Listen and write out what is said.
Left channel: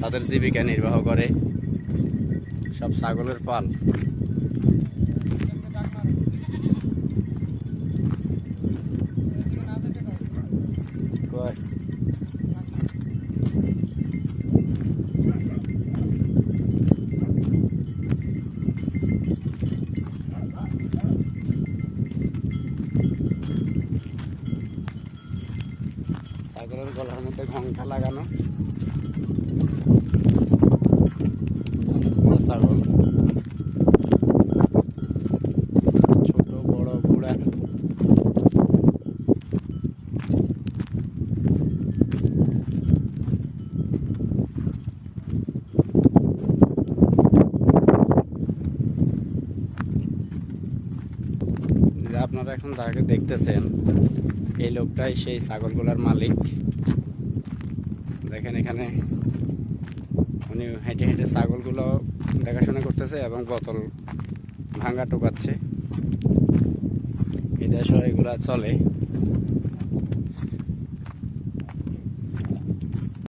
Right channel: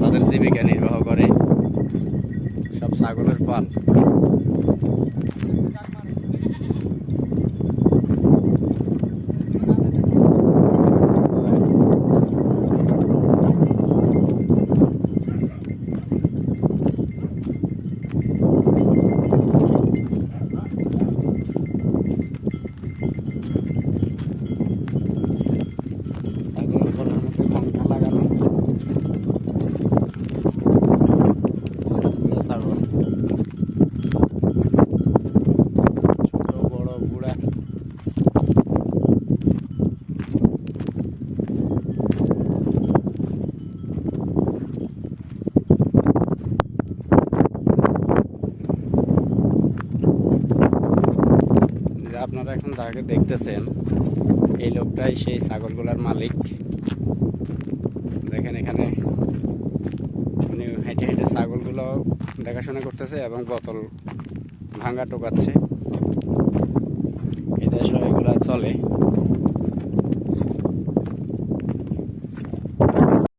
তাদের জীবিকা নির্বাহ করে। সব ছাগলের পাল। ছাগলের গলার মধ্যে ঘন্টা লাগানো। ছাগল ছোট বড় বুড়া। আপনারা এখন যাকে দেখতেছেন এই লোকটাই সেই ছাগলগুলার মালিক। দেখেন এখানে উনি হেঁটে হেঁটে ছাগলগুলো দেখাশোনা করতেছে এবং বোতল ভাঙা টোকাচ্ছে। এটা এগুলা চলে।